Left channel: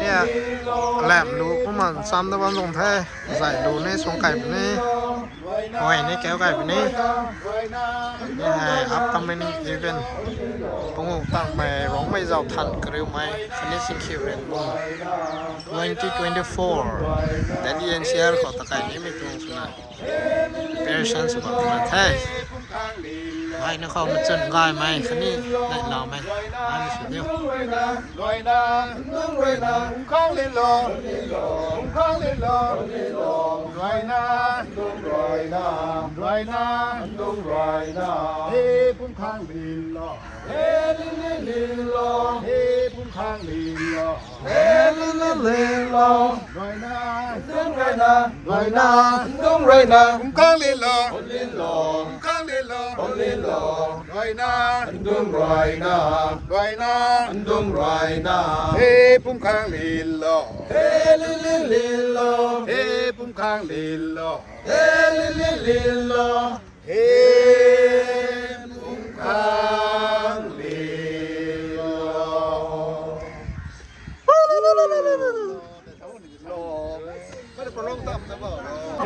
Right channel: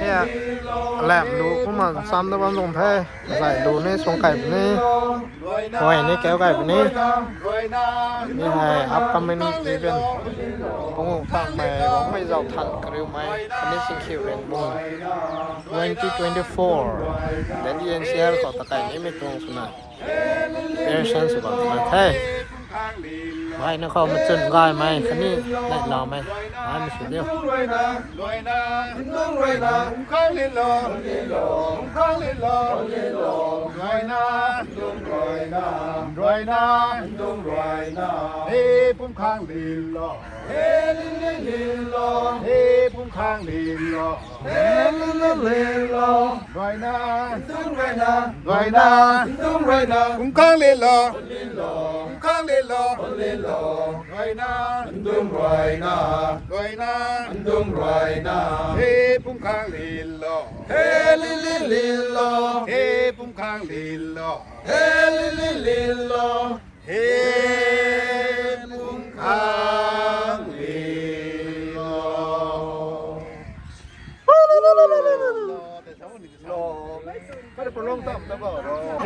เนี่ยแหลมดูพวกมันซ้ำตะวันลงแท้ใส่ดูนี่ทรงไก่แบบนี้หอยนี่แก้วไก่แบบนี้นี่ไงอัพคอมเมนต์อีเวนต์ปงงตั้งใหม่ร้องไม่เจ้าทันกริวไหมคันนี้สิงคิวเรนบุ้ง2024 dan di NCR kota kayak ini memang pernah persen sebab macam mai nó không chân gai mai cái này lại lò mai mai mình xử liêu Rồi na, hey pum khang lilo, hey lilo, hey pum khang lilo, hey lilo, hey pum khang lilo.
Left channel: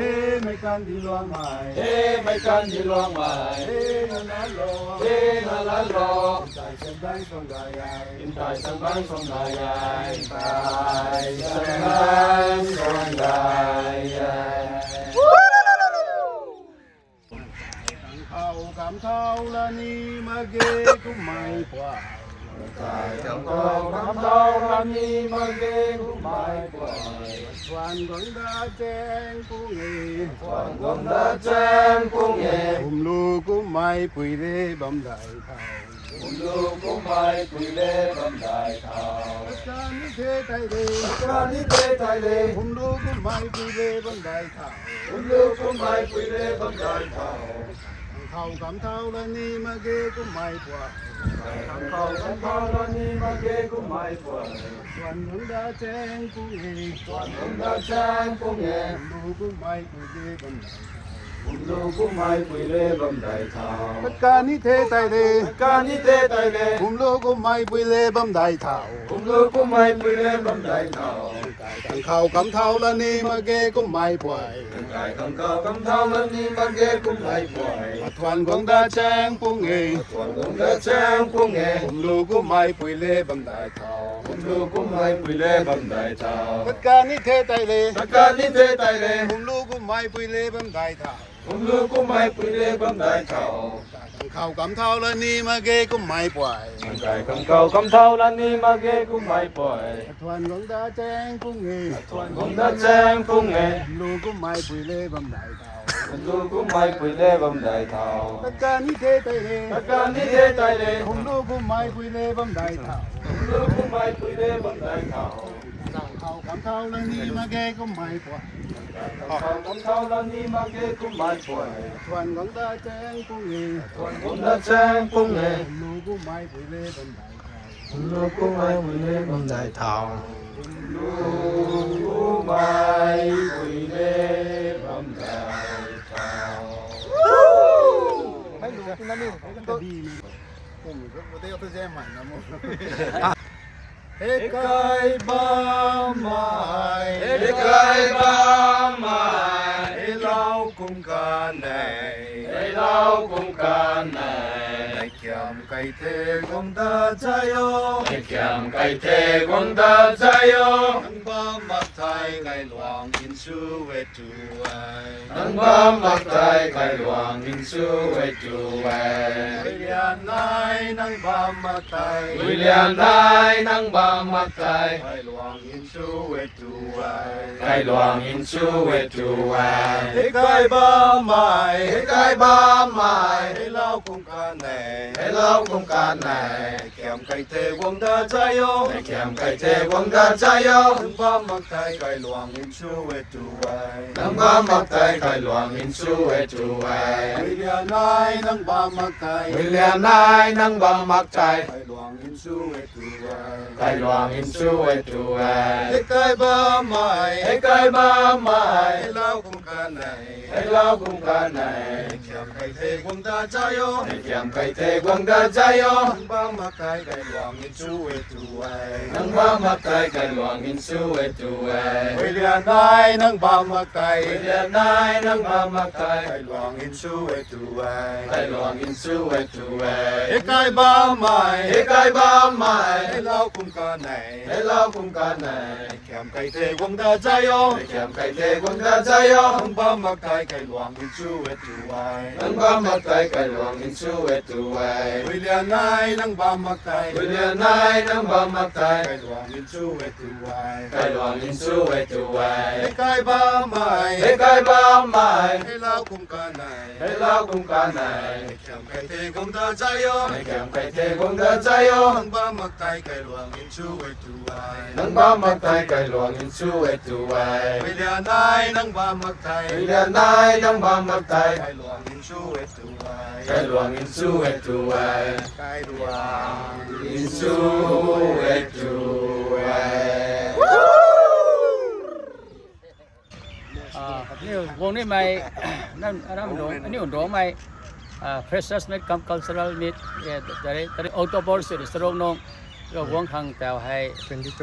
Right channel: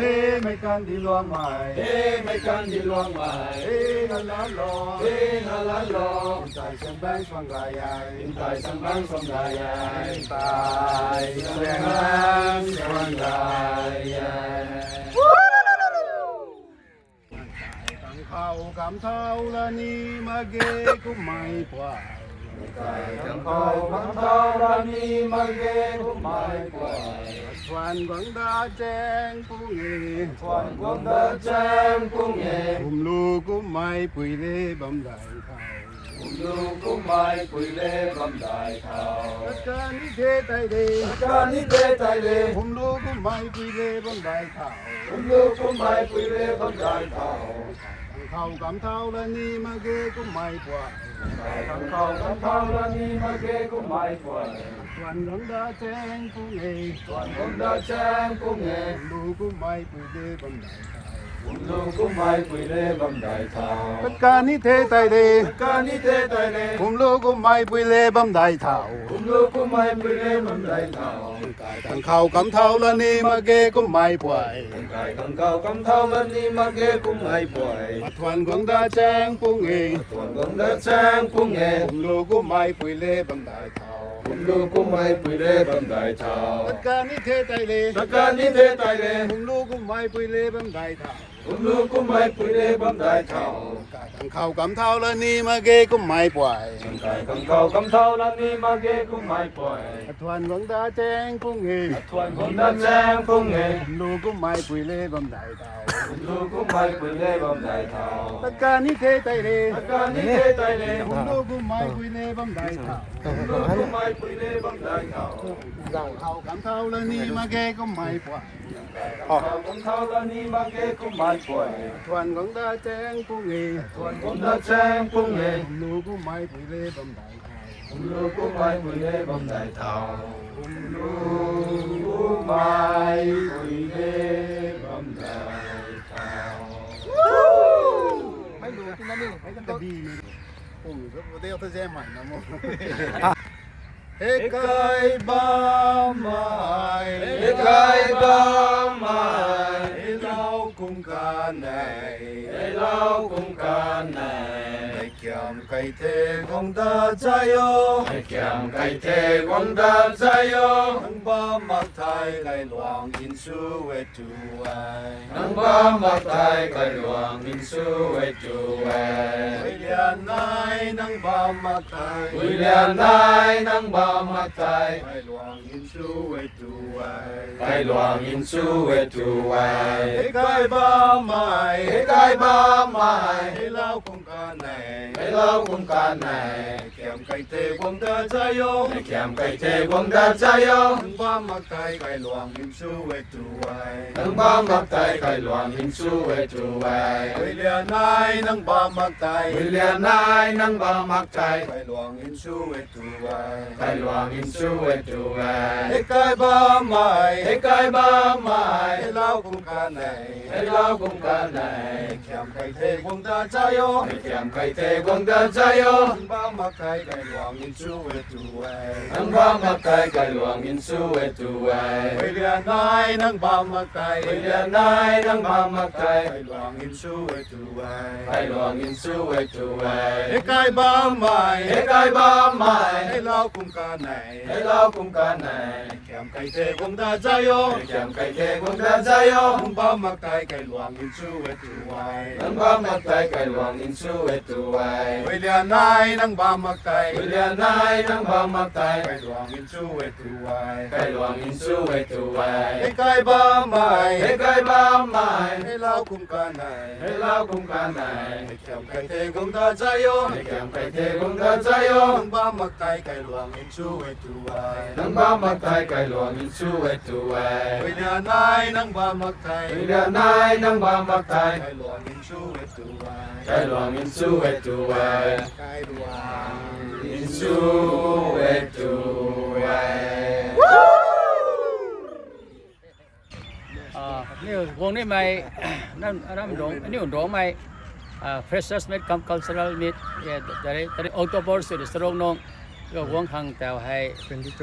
Hey mấy con đi loang mày, hey mấy con đi loang mày, hey la la lo, hey la la lo. Tại sân băng sông gài ai, tại sân băng sông gài ai, tại sân băng sông gài ai. Cảm thao là ni mà ghê cũng mày quá. Cảm thao là ni mà ghê cũng mày quá. Hoàn quần đã chen cung nghề lu cũng mai quỳ lê bấm đại thảo lu cũng mai quỳ lê bấm đại thảo ca ni thế tay lê lu cũng mai quỳ lê bấm đại thảo lu cũng mai quỳ lê bấm đại thảo cảm thao là ni mà ghê cũng mai quá cảm thao là ni mà ghê cũng mai quá hoàn quần đã chen cung nghề lu cũng mai quỳ lê bấm đại thảo lu cũng mai quỳ lê bấm đại thảo ca ni thế tay lê lu cũng mai quỳ lê bấm đại thảo lu cũng mai quỳ lê bấm đại thảo thằng khâu cắm thao lên đi mà ghê cũng mai quậy thằng khâu cắm thao lên đi mà ghê cũng mai quậy toàn quần đa trang cung nghề lu cũng mai quỳ lê bấm đại thảo lu cũng mai quỳ lê bấm đại thảo ca ni thế tay lê lu cũng mai quỳ lê bấm đại thảo lu cũng mai quỳ lê bấm đại thảo thằng khâu cắm thao lên đi mà ghê cũng mai quậy thằng khâu cắm thao lên đi mà ghê cũng mai quậy toàn quần đa trang cung nghề lu cũng mai quỳ lê bấm đại thảo lu cũng mai quỳ lê bấm đại thảo ca ni thế tay lê lu cũng mai quỳ lê bấm đại thảo lu cũng mai quỳ lê bấm đại thảo thằng khâu cắm thao lên đi mà ghê cũng mai quậy con thao lên đi mà ghê cũng mai quậy toàn quần đa trang cung nghề lu cũng mai quỳ lê bấm đại thảo lu cũng mai quỳ lê bấm đại thảo lu cũng mai quỳ lê bấm đại thảo mấy đồ chúng nó đi mấy cái đi mình cùng rất có tiêu tôi xem mày nó mua Ê cay ba mai, lau cùng ca này, này kiam cây thế quang ta chayo, nang ba mặc thay cây luang in su về tu ai, William nai nang ba mặc thay, cây luang in su về tu ai, ê cay ba mai, lau cùng ca này, kiam cây thế quang ta chayo, nang ba mặc thay cây luang in su về tu ai, William nai nang ba mặc thay, cây luang in su về tu ai, หลวงอินช่วยด้วย ให้ไกลบ้าใหม่ ให้ไกลบ้าใหม่ ให้เล่ากุมการไหน ให้เราคุ้มกันไหน แก้มไก่เทกุมตาใจโย ให้แก้มไก่เทกวงตาใจโย บ้ามาไกลไก่หลวงอินช่วยด้วย นังบ้ามาไกลกันหลวงอินช่วยด้วย ไปเรียนนายนั่งบ้ามาไกล ไปเรียนนายนังบ้ามาไกล ไก่หลวงอินช่วยด้วย ให้หลวงอินช่วยด้วย ให้ไกลบ้าใหม่ ให้ไกลบ้าใหม่ ให้เล่ากุมการไหน ให้เราคุ้มกันไหน แก้มไก่เทกุมตาใจโย ให้แก้มไก่เทกวงตาใจโย นั่งบ้ามาไกลไก่หลวงอินช่วยด้วย นังบ้ามาไกลกันหลวงอินช่วยด้วย ไปเรียนนายนั่งบ้ามาไกล ไปเรียนนายนังบ้ามาไกล ไก่หลวงอินช่วยด้วย ให้หลวงอินช่วยด้วย ให้ไกลบ้าใหม่ ให้ไกลบ้าใหม่ ให้เล่ากุมการไหน ให้เราคุ้มกันไหน ให้แก้มไก่เทกุมตาใจโย ให้แก้มไก่เทกวงตาใจโย นั่งบ้ามาไกลไก่หลวงอินช่วยด้วย นังบ้ามาไกลกันหลวงอินช่วยด้วย ไปเรียนนายนั่งบ้ามาไกล ไปเรียนนายนังบ้ามาไกล ไก่หลวงอินช่วยด้วย ให้หลวงอินช่วยด้วย ไก่หลวง อินช่วยด้วย นี่วงนี้ไม่ นั่นร้องอันนี้ร้องไม่ freshers meet come cultural meet แต่October สุดสรงน้องก็วงข้างแต่ให้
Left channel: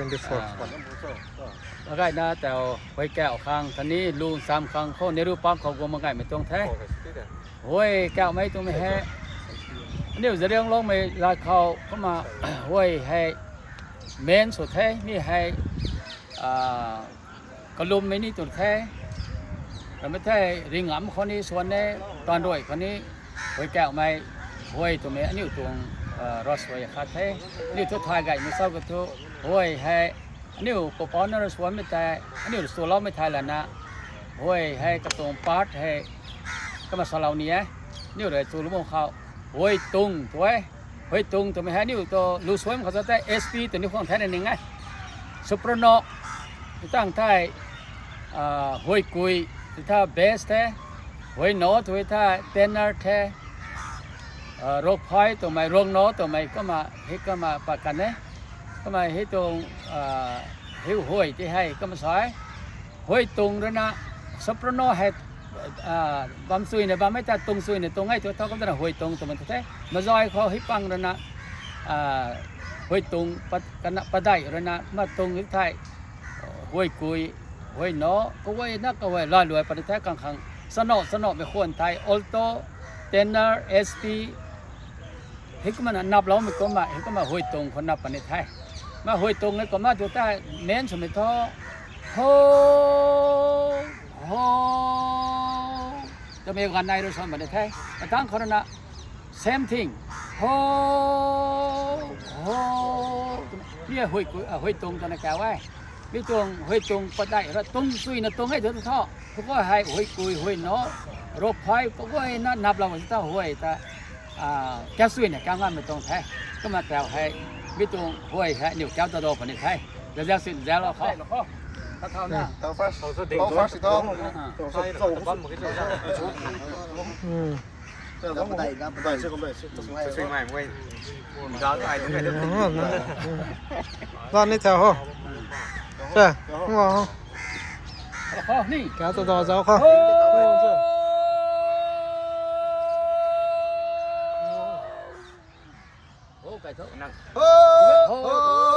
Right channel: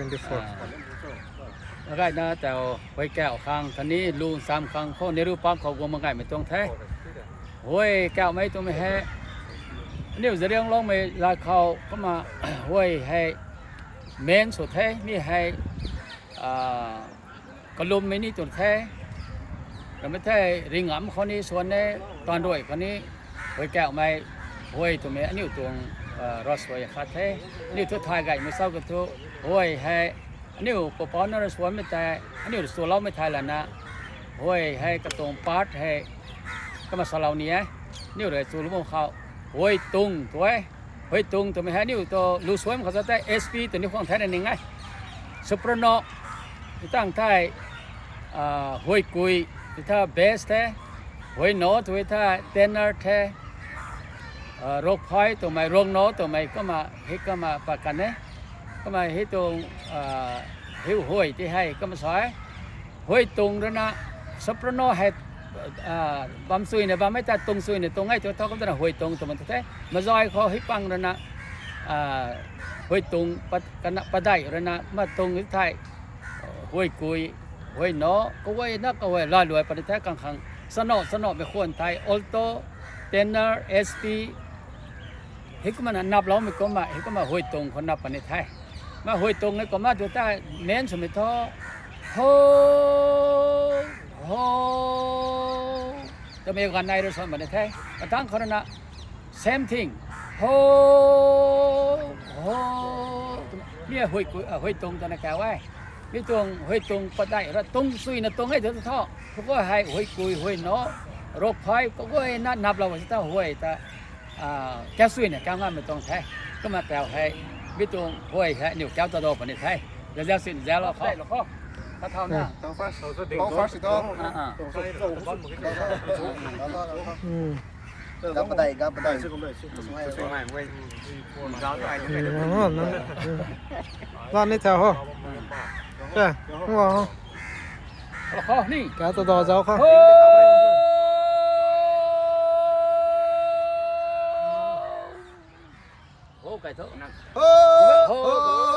2024 มาไกนะแต่ไว้แก้วข้างทันนี้ลูสามข้างเขาในรูปปั้มเขาวงมาไกไม่ตรงแท้โอ้ยแก้วไม่ตรงไม่แฮ่อันนี้จะเรียงร้องไม่ลาเขาเข้ามา โอ้ยให้เมนสุดแท้มีให้กระลุมไม่นี่ตัวแท้แต่ไม่ใช่ริงหำคนนี้ส่วนนี้ตอนด้วยคนนี้ไว้แก้วไม่โอ้ยตัวเมอันนี้ตัวรอสวยขาดแท้อันนี้ทุกทายไก่ไม่เศร้ากันทุกโอ้ยให้อันนี้ปปอนนรสวนไม่แต่อันนี้ส่วนเราไม่ทายแล้วนะโอ้ยให้กระตรงปาร์ตให้ก็มาสลาวนี้นี่เลยตัวลูกมงเขาโอ้ยตุงตัวโอ้ยตุงตัวไม่ให้นี่ตัวลูสวยมันเขาจะได้ SP ตัวนี้ของแท้นั่นเองไงสุปรโนตั้งท้ายโอ้ยกุยถ้าเบสแท้โอ้ยโนตัวถ้าเทนเนอร์แท้โรคภัยตัวไม่โรคโนตัวไม่ก็มาให้ก็มาประกันเนี่ยก็มาให้ตรงหิวห้วยที่ให้ก็มาสอยห้วยตรงแล้วนะสัปโนให้บำซุยเนี่ยบำไม่แต่ตรงซุยเนี่ยตรงให้ตัวเท่าก็จะห้วยตรงตัวมันแท้มาซอยเขาให้ปังแล้วนะห้วยตรงกันปะได้แล้วนะมาตรงที่ไทยห้วยกุยห้วยโนก็ห้วยนักก็ห้วยลอยรวยประเทศกลางๆสนอไม่ควรไทยออลโตเทนเนอร์เอสพีเฮก็มันนับแล้วมันก็มาเฮก็มาห้วยตรงคนนับประเทศไทยมาห้วยตรงนี่ก็มาตัวใต้เน้นสมัยท้อโฮโฮจะมีกันในหรือสมัยไทยมาตั้งคนนะ same thing โฮโฮนี่ห้วยตรงตัวนั้นแกไว้นี่ตรงห้วยตรงปะได้แล้วตรงซุยนะตรงให้ตัวท้อเขาก็ให้ห้วยกุยห้วยเนาะโรคภัยก็ห้วยนับเราว่าจะห้วยแต่แก้ซุยเนี่ยแก้งานไม่ตรงแท้ก็มาแต่ให้ไม่ตรงห้วยแค่นิ้วแก้วตัวโตประเทศไทยแล้วสิ้นแล้วเขาเท่านั้น Tao phát thì to. อืม Gấp vào đây, gấp vào đây. นั่นร้านนี้แถวเหรอใช่ไม่บอก เขานี่ แกตัวต่อเจ้าเขา โอ้ไก่เถอะ Oh, oh.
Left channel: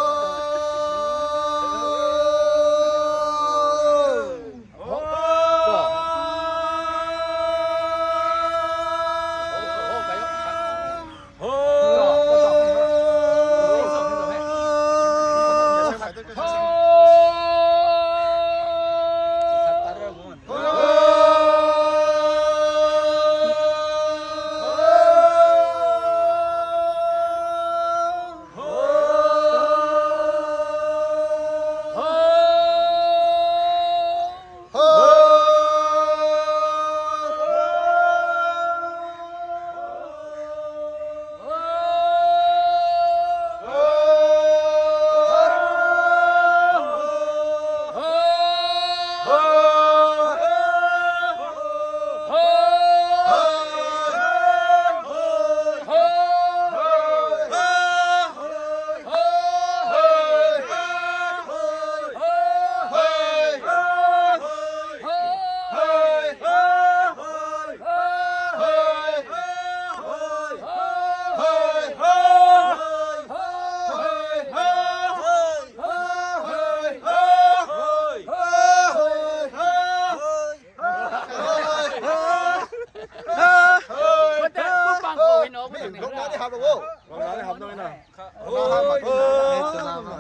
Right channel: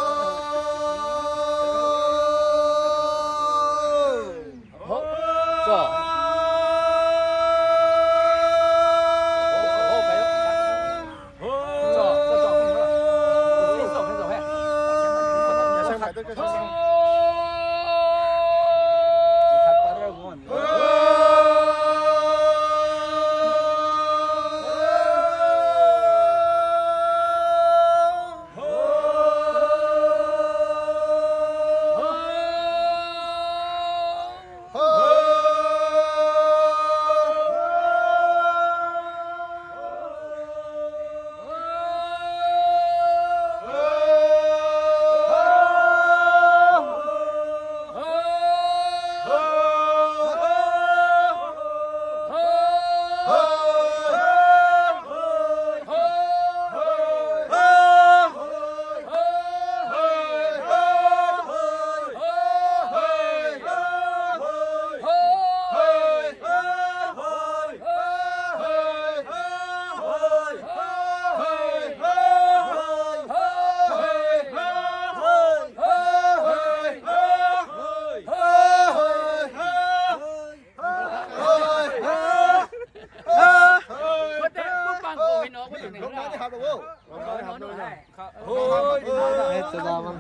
เฮ้ยจะลามา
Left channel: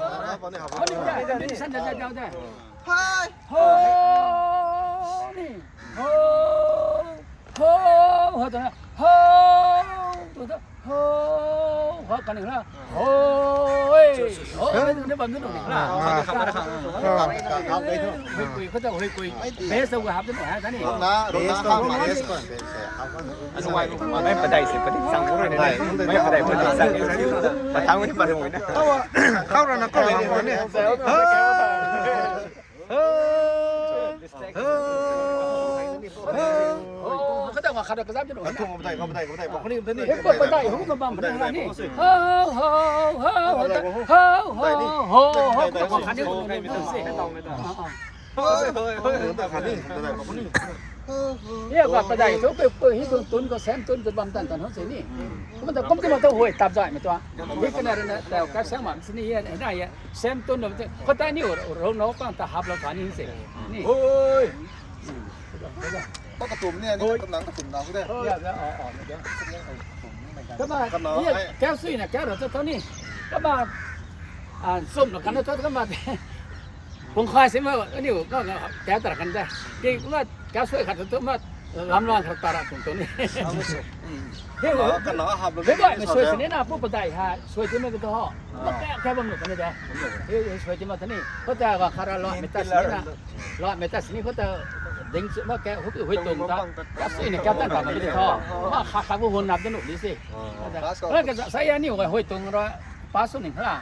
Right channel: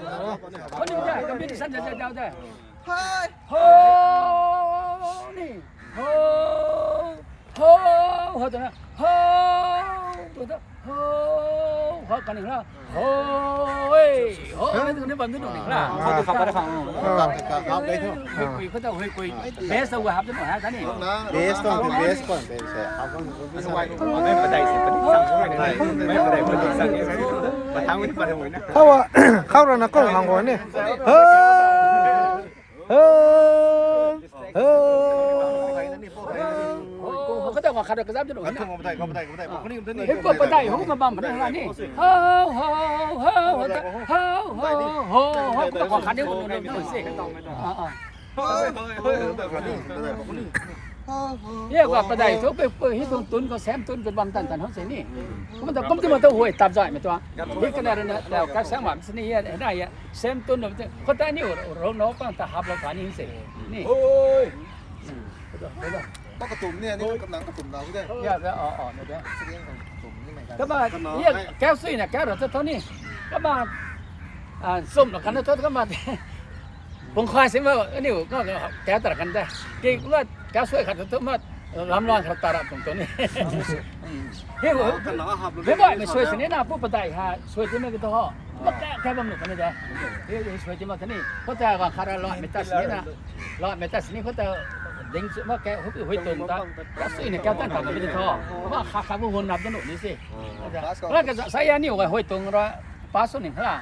คนนี้ได้กันเป็นสั้นจะเจ้าได้โฮนี่โฮโฮโฮตัวนั้นโฮตัวนั้นโฮโฮกันหนึ่งละโฮโฮไม่ต้องได้บำรุงหนึ่งละเขาจะขับคุยเขาจะคุยเบสตัวหับตัวหน่อยฮะท่านนี่ เบสก่อนเบสก่อน ไม่ประเดี๋ยวสิประเดี๋ยวสั่งไม่ประเดี๋ยวประเดี๋ยวสั่งแต่ทำไม่ประเดี๋ยวนะ เข้าแล้วนะกล้องของผมเนี่ยเฮ้เขาจะมาขัดกระซับตัวหน่อย ทุ่งก็ไม่ได้บอกคนนี้คนนี้ เฮ้ยก็ไม่ได้หูก็บังพนักงานนี่โฮโฮโฮโฮโฮโฮโฮโฮก็ต้องขัดเดี๋ยวคนนึงสิเนี่ยว่าประเดี๋ยวเขาไปฮิตตุนก็แซมตุนก็บังตันตันเขาสินี่มันจะผมจะมาต้องหวยตับใจไม่ตัวนี่ก็น่าจะแล้วก็สมัครสนี่ได้อะแซมตุนเนี่ยก็ได้นี่เราโน้ปังตาหับเราฐานนี่สินี่ปกตุ่มเนี่ยนี่กำลังกระตุ่มเราก็ได้ เนี่ยเนี่ย ตุ่มนี่เหมือนกัน ก็มาเนี่ยแก้วซีเนี่ยแก้วเราจะเท่านี้ก็มาส้มหรอกกันนะเท่าก็มาผมคอยสิว่าอันนี้ก็แก้วตระกันได้กี่ว่าแก้วช่วยขัดตัวมาลำร้อนขัดตระตรงตัวนี้เฮ้ยไม่บ่อยไม่ช่วยสิเนี่ยนะผู้ปฏิหารช่วยที่ไม่ก็ต้องมาแก้บำรุงกันนี่ได้เฮ้ยช่วยที่มาท่านี้เขาจะว่าคาราลอยเมตัสนี่นะลอยเมตัสนี่เขาจะดึงมาแก้หุบตรงตาแก้วซีเนี่ยแก้วตั้งแต่มันไม่ได้ท่อมาขาดหุ่นนับตัวหนุ่มนี่สิแล้วก็saya ni orang hui tung ra pasu ni lah.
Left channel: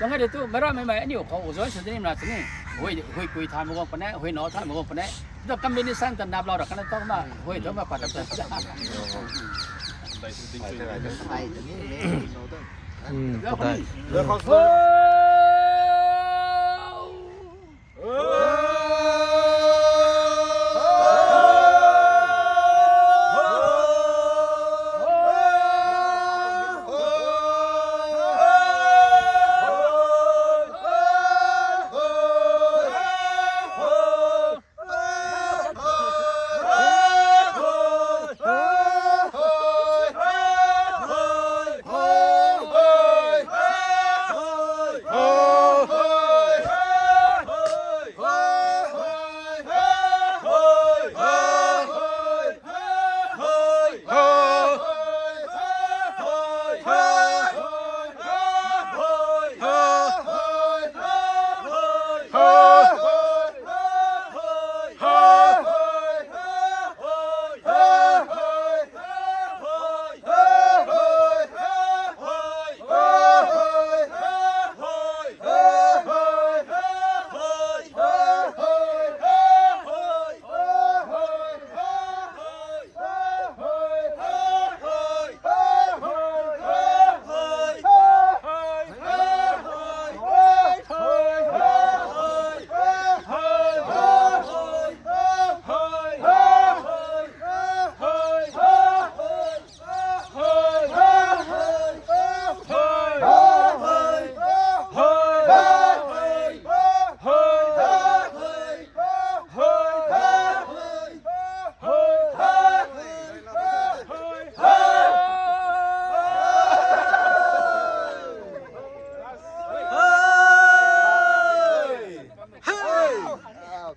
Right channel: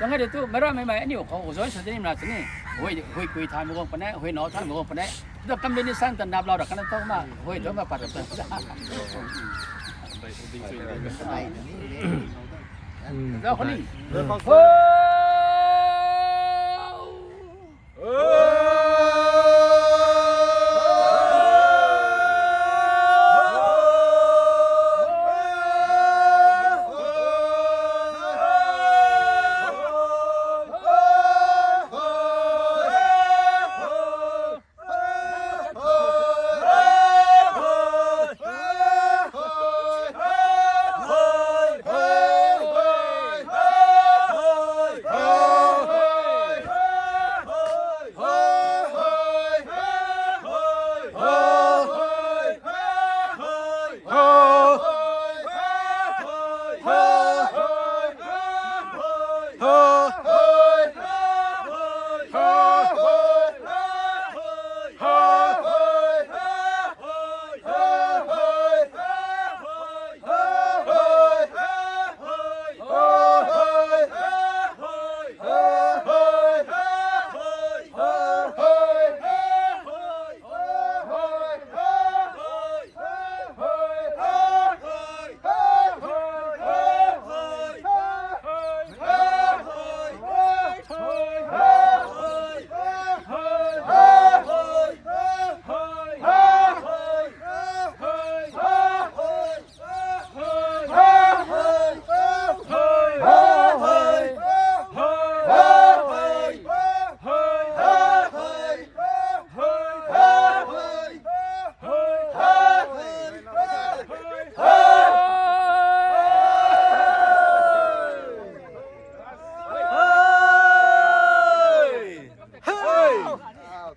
Jangan dia tu merah memang ni kau uzoi sedini lah sini. Hui kui than mo ko panai, hui no than mo ko panai. Itu kombinasi tan nab lau dak kan tahu mah hui tu mah pada tu.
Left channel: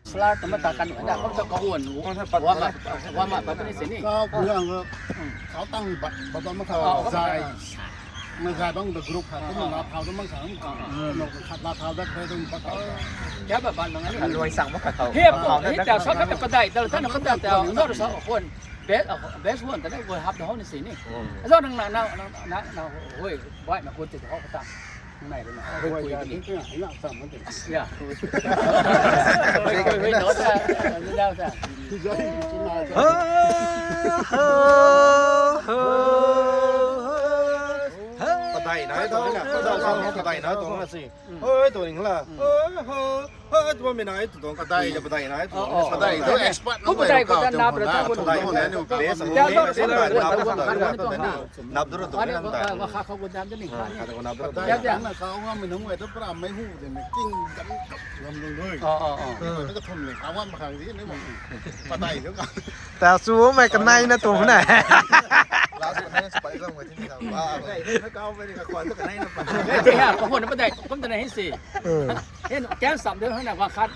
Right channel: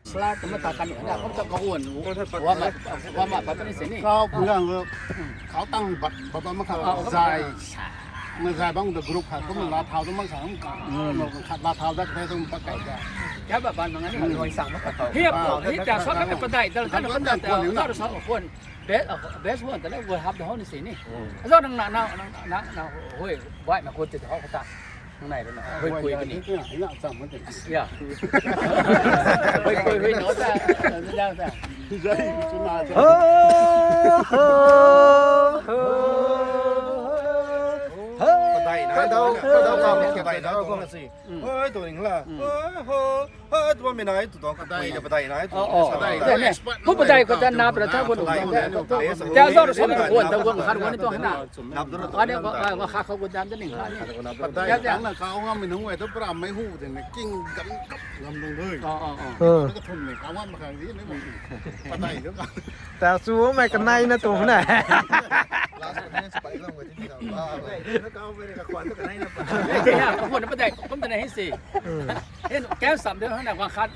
Selat teman takkan ada kau tak kawan. Wama pada ni sini. ก็เรื่องเขาตั้งบัตรมาขับใจเมื่อใครบ้างแต่กรุ๊ปขัดก็มันลาเท้าต้องมาขัดขัดลาเท้าได้แค่ต้องปัดไป Siapa ban mangani? Roi sang mo kataw. Hiap ko, hiap sa ka paday, dal tan ka ta, ngor sa kon. Best one ta wo hab da ho ni sini. Aso nang na hoi, bai ma ko ti ho ka ta. Này đó, hoi kui ni. Ya. Hoi no ta, da ta. Tay nói đó là tay nói tôi là gì ơi tôi định là tôi mới nói tôi còn tay là tay nói tôi tay Ku paday ko ta na pra ta ko. Tao do sa la ko ta won kan ni to na. nạp được Ani ko kha ko dam ni kha ni. tay làเขาว่าmình đúng rồi tôi làm mấy hũ thì kinh gắn cấp làm đường thôi cái thùng này áo ăn mà hàng gì nữa mà tay nữa แต่สู้ไม่กันในนะตัวไหน ที่ห้าผมพูดไม่ได้ผมจะได้ให้สี่เห็นแก้มสับเดียวข้างหน้าวางคัด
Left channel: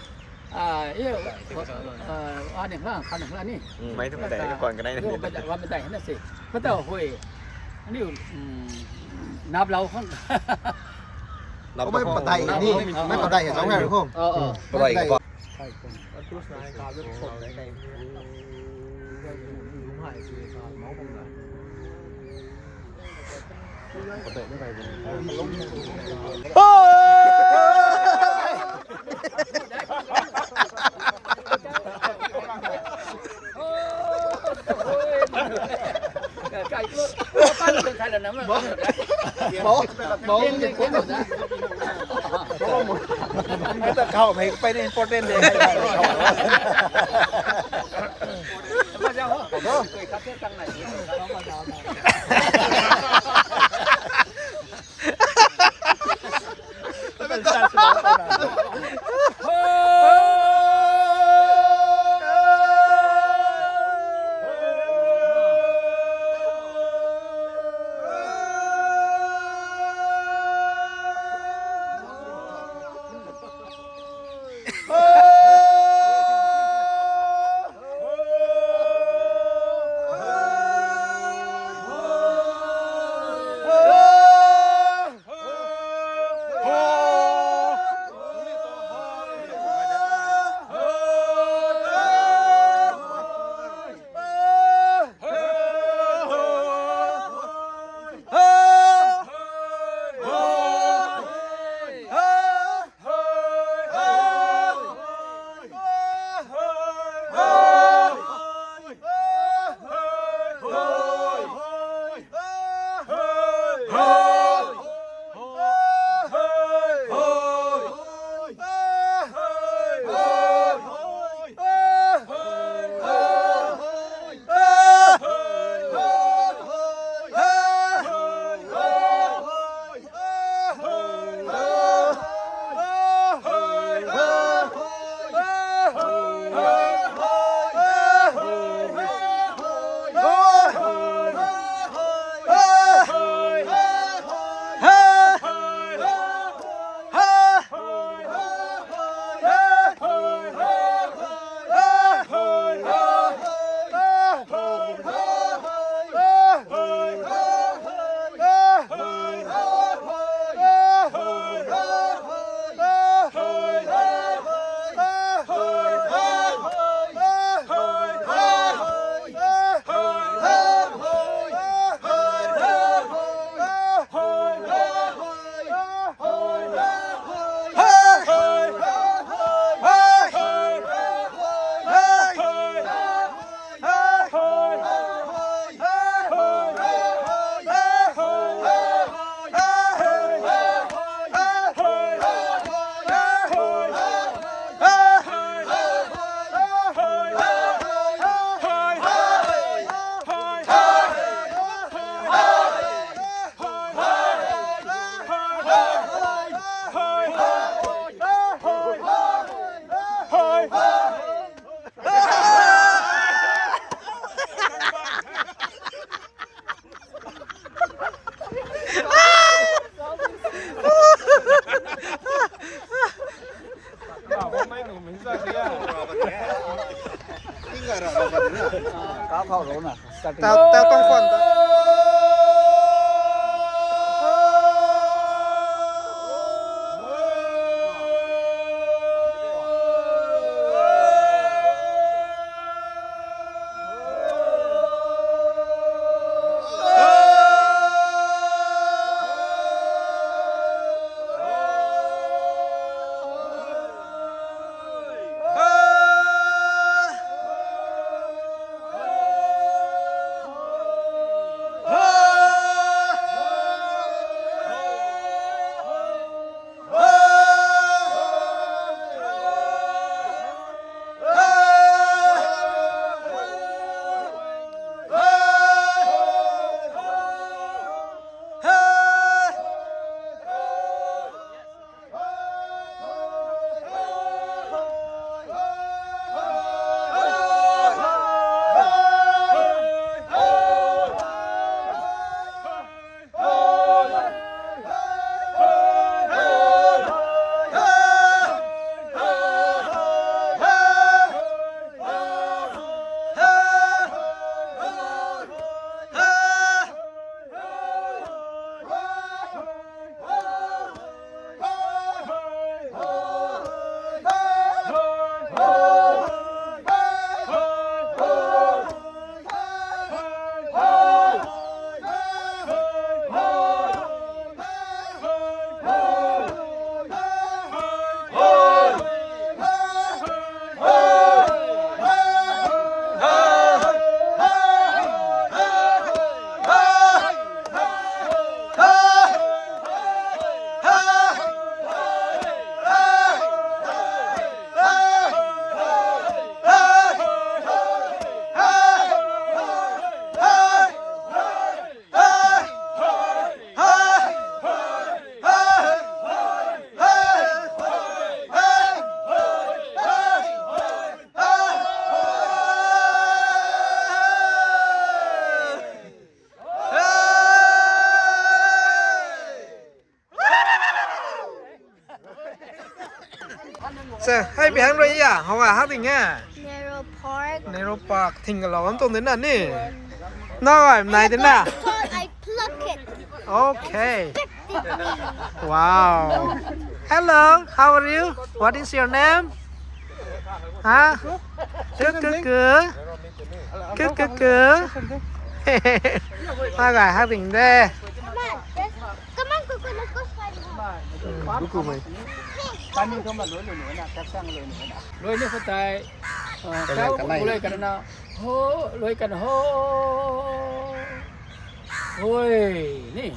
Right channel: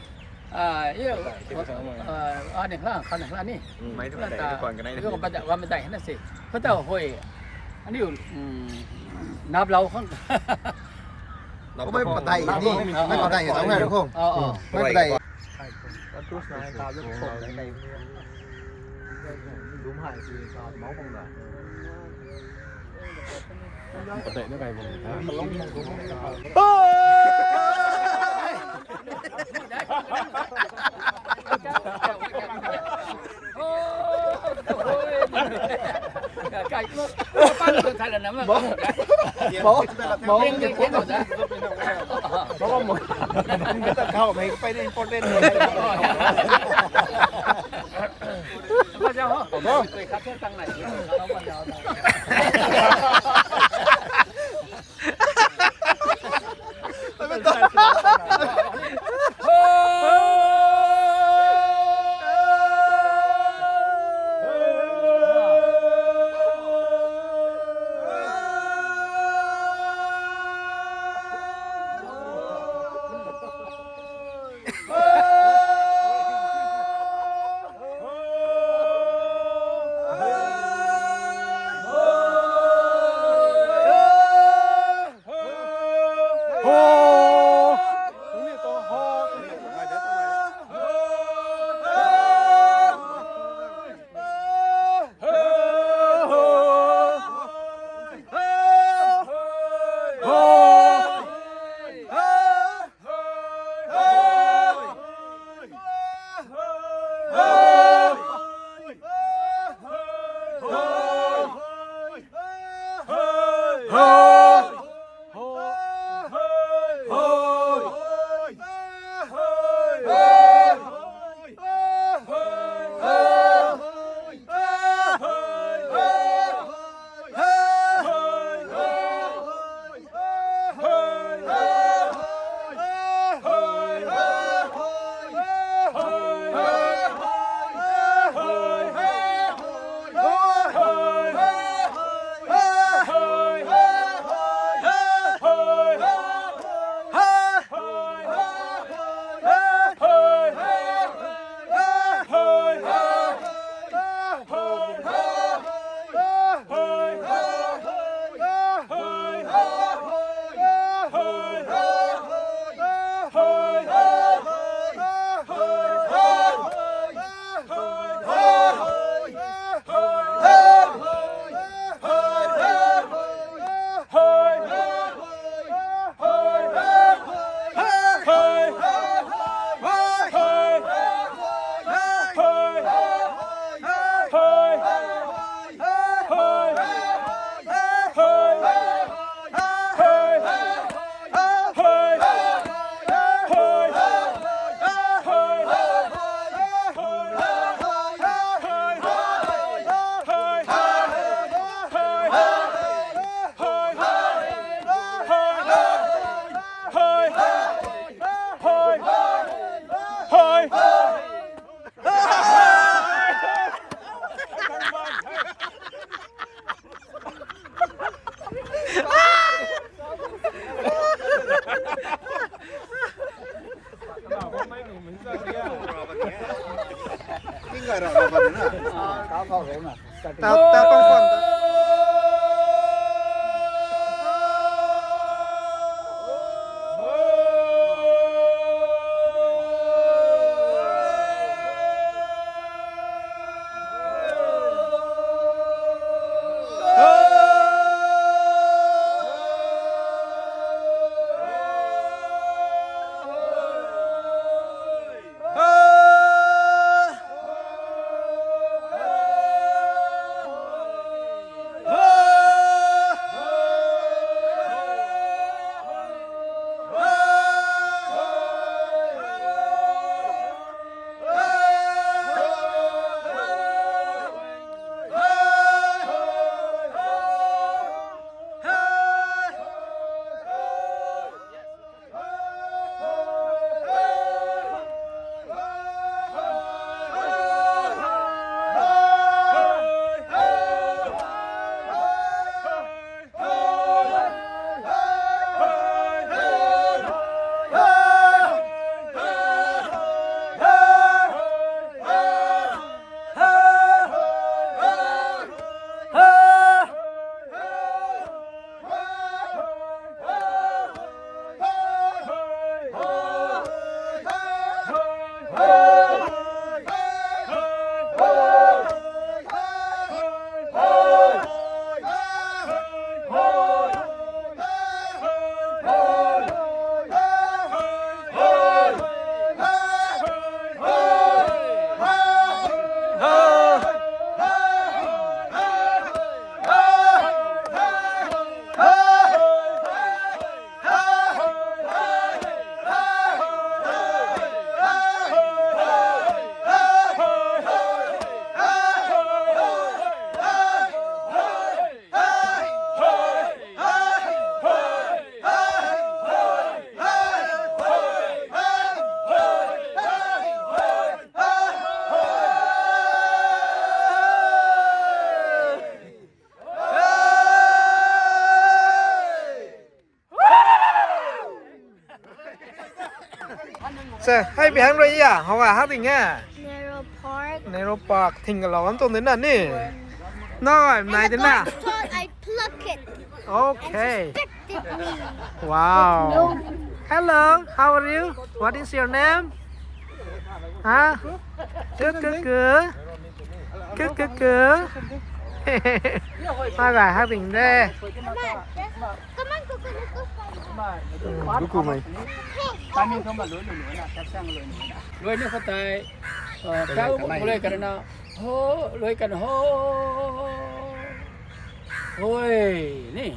อันหนึ่งล่างคันหนึ่งล่างนี่ ไม่ต้องแต่ก่อนก็ได้ เรื่องบันไดว่าบันไดเห็นน่ะสิก็เต้าห้อยอันนี้นับเราข้าง เขาไม่ปะไตนี่ไม่ปะไตกับเจ้าแม่หรือคงไม่ปะไต ไก่ก็ไก่แล้วนะมั้งบอกไม่ต้องเข้าไปในโปรเตนเลย พระเจ้าเหรอเคยคัดเลือกตั้งไหนเขาบันดาแต่ต้องคน giờ hay bị hàng rồi à họ à hát tình à Narrow Park. Nero Park thình cái lò tông đến là nè nó gọi này đến nào I pluck it. okay Affected me. wow hello how are you what is your name hả cứ ta gọi hát tình đây Come on, just come on, Coco, let's go slide. Pani không mà lối nữa nè, cắt sang lối nữa nè. Lối nữa phải tại kéo lối cái nào, hô lối cái hô, ôi nè,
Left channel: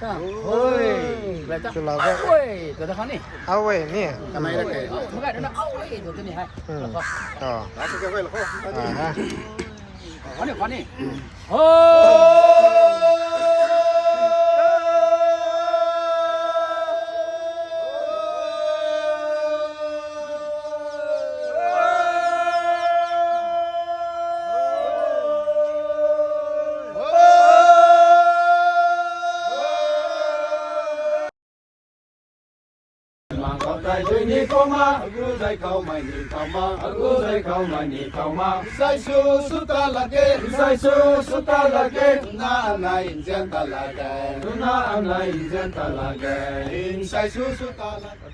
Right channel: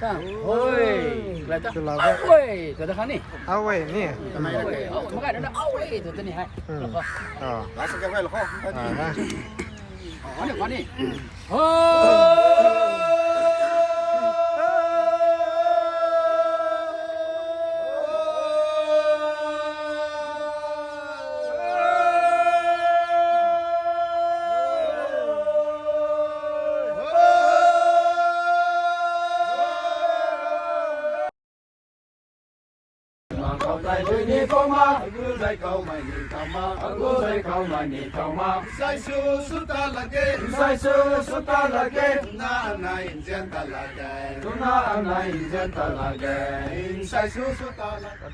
ta ôi, lại ta, ôi, tụi ta khán nè, ôi nè ôi, mấy cái đó nó ôi, tụi ta nè hay, ha khán nè, hô. Tại đây ni câu ma, cứ đây câu mày ni câu ma, cứ đây câu mày ni câu ma. Sai su su ta la ke, sai su ta la ke, na anh này in dân ta la ke, na anh này in dân ta la ke, in sai su ta la ke.